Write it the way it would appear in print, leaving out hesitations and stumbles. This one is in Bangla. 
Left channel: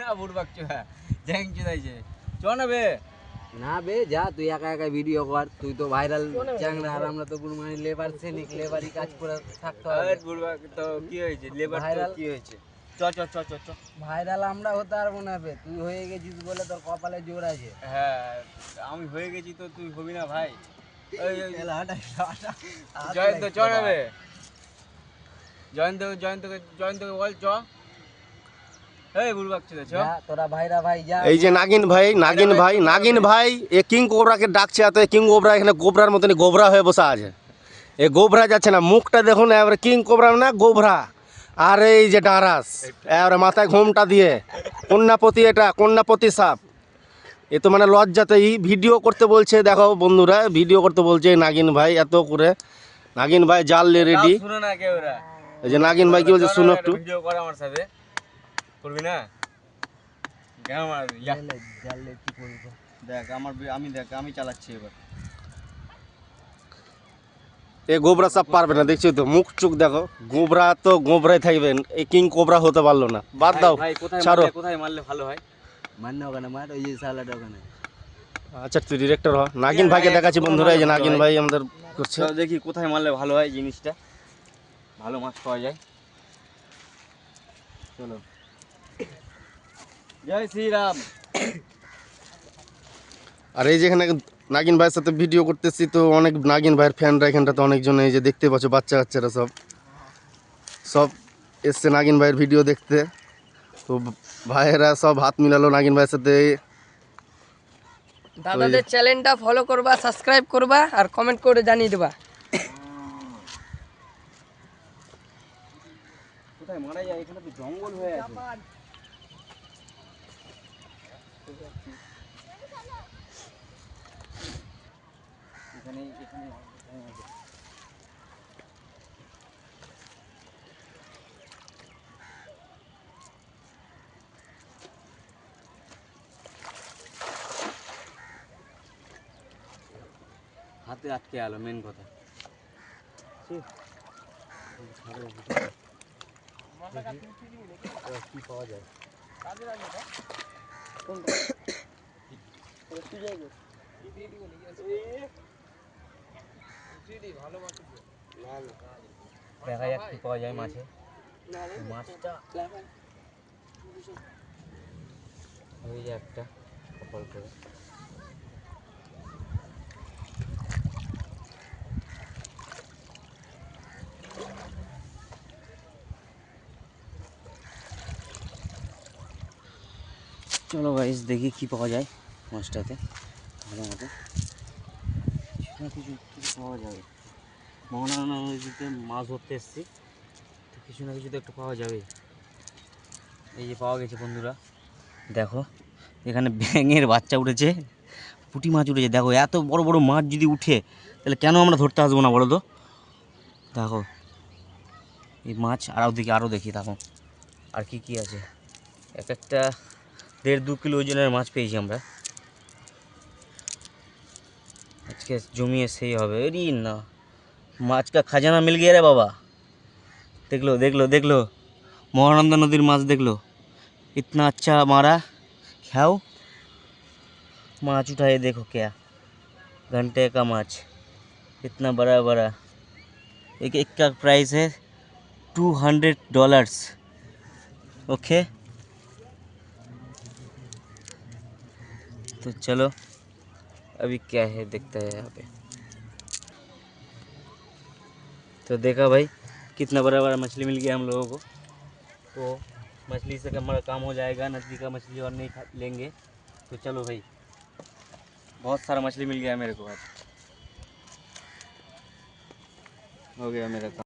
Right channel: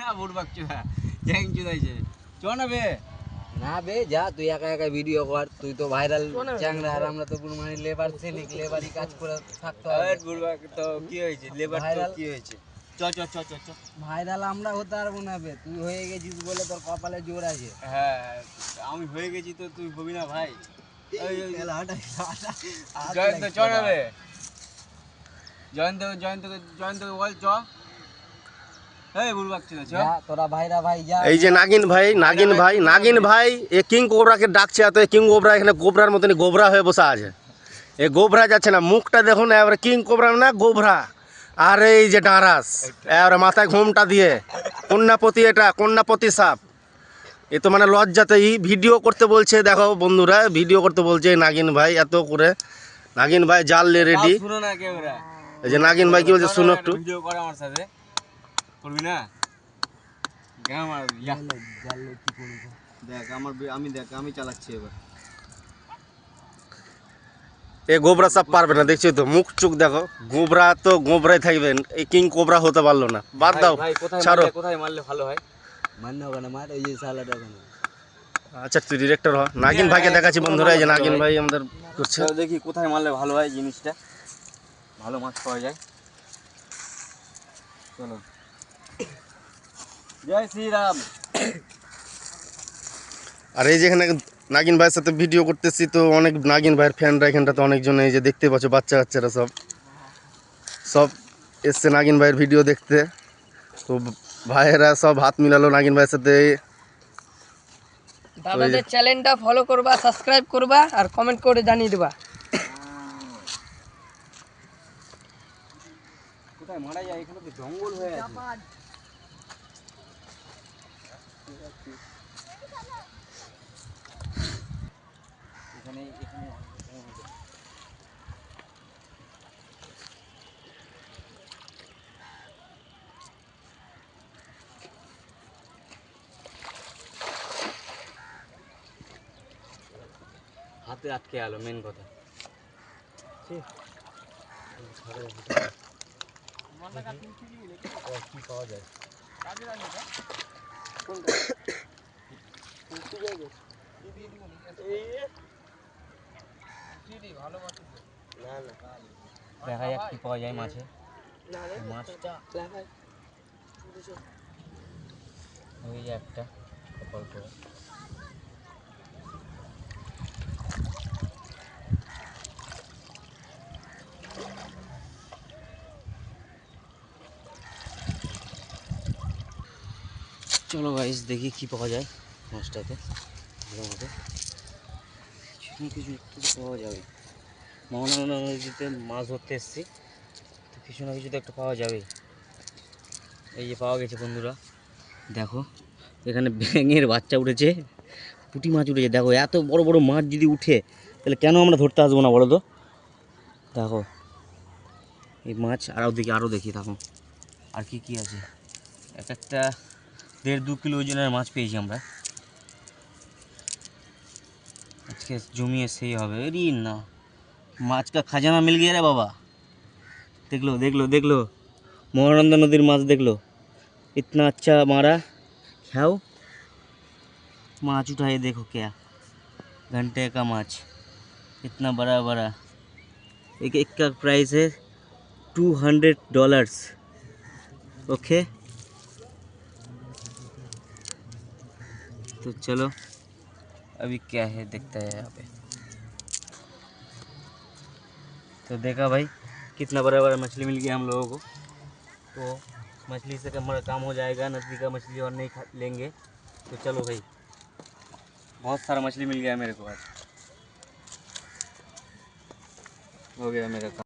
না বুড়বাক চোদা জ্যাং চুদাইছে চ না বে না বে যা তুই একা একা ভিডিও কর, তুই তো ভাইরাল চ্যাংড়া আর আমরা তো গুরমানি লেবার শ্রেণিক লেবারই কাজ করে থাকতে হবে। আরে বুড়বাক তো কি হয়েছে লেবার তো কি হয়েছে চ চ চ চ চ ভাইরাল আমরা হতে পারবো না বে, তুই হয়ে গেছিস বলে তোর কপালে জোর আছে। হ্যাঁ আমি হয়ে গেছি তো তুই হবি না ভাই জয়ন্ত চ না বে জয়ন্তকে বল চ এই বুড়বাক চুদা চ তোরা ভাইরা ভাই যা। এই যে নাগিন ভাই এ কিং কোবরাকে ডাকছে, এত কিং কোবরা এখানে গোবরার মতনই গোবরা হয়ে বসে আছে। এ গোবরা যাচ্ছে না, মুখটা দেখুন এবারে কিং কোবরা না গোবরা। আর এই যে ডাঁরাস এবারে মাথায় ঘোমটা দিয়ে কন্যাপতি, এটা কন্যাপতি সাপ। এ তো মানে লজ্জাতেই ভিডিও করতে বলছে। দেখো বন্ধুরা ভিডিও করতে বলছে নাগিন ভাই, এত করে নাগিন ভাই জাল রেডি। শুনো না কেউ ওরা এই যে নাগিন ভাই কি বলছে শুনো একটু। ভিডিও করে আমার সাথে করবি না কেন মারবি জানলে কি করব দেখ আমি চালাচ্ছি এবার। এ গোবরা সাপ পারবে না, দেখছি তো মুখ চুখ দেখো, গোবরা তো গোবরাই থাকবেন, এই কিং কোবরা হতে পারলো না। বাদ দাও, ছাড়ো। কোথায় মারলে ভালো হয়? মান্য ওখানে মার, ওই যে সালাড ওখানে। আচ্ছা তুই ডিরেক্টর হ। নাগিন ভাইকে দেখাচ্ছি বন্ধুরা, এই যে নাগিন ভাই আমাদের করছে। দেখি কোথায় মারলে ভালো হয়, জিনিসটা ভালো মাছ পাওয়া যায়। চলো জয় শ্রীরাম। আর এই যে এখানে নাগিন ভাইয়ের সাথে ভিডিও করতেছি, তো অনেক নাগিন ভাইয়ের ফ্যানরা এখানটাতে অনেকজন, এই যে দেখতে পাচ্ছ বাচ্চা কাচ্চারা সব এসছে নাগিন ভাইয়ের ভিডিও দেখতে। তো ভাইয়েরা সব হাত মিলালো নাগিন ভাইয়ের সাথে। দাদাদের চ্যানেলটা ফলো করবা, সাবস্ক্রাইব করবা আর কমেন্ট করে জানিয়ে দেবা। কোথায় মারা যায়? এখানে তো জঙ্গল হয়ে আছে। এখানে হাতে আটকে আলো মেন কথা। কি পাওয়া যায়? দেখা যাক কি পাওয়া যায় মাছে। মাছটা ওই যে একটা কপাল করে। চলো গাইস দেখি কি পাওয়া যায় মাছটাতে। ভালো মতো কিছু পাওয়া যাবে। মোহনা নদীতে মাছ ধরতে এসেছি, তো কিছু না কিছু তো একটা পাওয়া যাবে। এই যে পাওয়া গেছে বন্ধুরা, দেখো এখানে ব্যাঙের বাচ্চা উঠেছে, পুঁটি মাছ উঠেছে। দেখো এত বড় বড় মাছ যদি উঠে তাহলে কেন আমরা ধরতে আসবো না বলো তো? দেখো এই মাছ আরও দেখি দেখো আর কি কি আছে। এক একটা 1.5-2 কিলো ওজনের মাছ পেয়েছি আমরা আজকে। জমিয়ে সেই হবে এরি না, মাছ কা খাজানা মিল গিয়া রে বাবা। দেখলো মহানন্দা নদীর মাছ দেখলো, इतना अच्छा मारा। खाओ माछ उठाए, देखो क्या घंटे का माछ, इतना बड़ा। एक का प्राइस है $200। ओके तो चलो अभी क्या है देखते हैं यहाँ पे। तो देखा भाई कितना बड़ा मछली मिल गया हम लोगों को। तो मछली से हमारा काम हो जाएगा, नदी का मछली और नहीं लेंगे। तो चलो भाई बहुत सारा मछली मिल गया मेरे को आज, हो गया मेरा काम।